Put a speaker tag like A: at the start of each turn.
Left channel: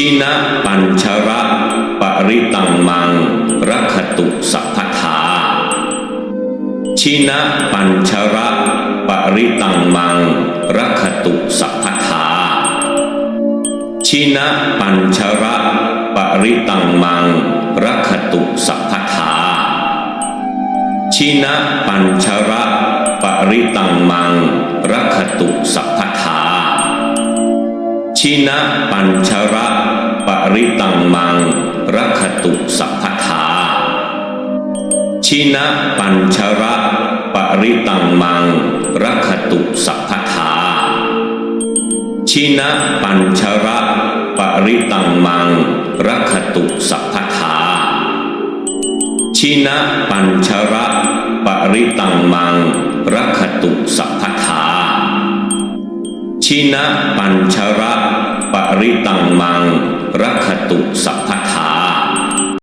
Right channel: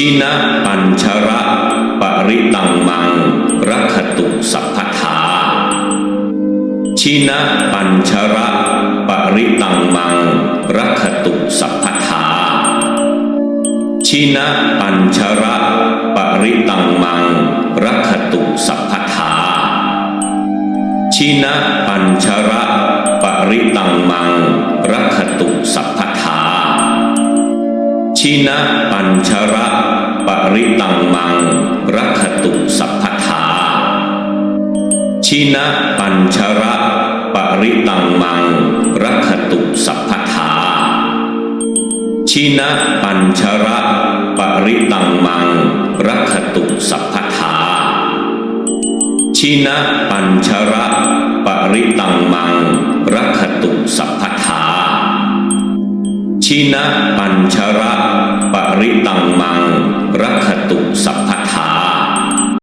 A: ชินะปัญชระปริตังมังรักขตุสัพพทาชินะปัญชระปริตังมังรักขตุสัพพทา ชินะปัญชระปริตังมังรักตุสัพพทา ชินะปัญชระปริตังมังรักขตุสัพพทา ชินะปัญชระ ปริตังมังรักขตุสัพพทาชินะปัญชระปริตังมังรักขตุสัพพทาชินะปัญชระปริตังมังรักขตุสัพพทา ชินะปัญชระปริตังมังรักตุสัพพทา ชินะปัญชระปริตังมัง รักขตุสัพ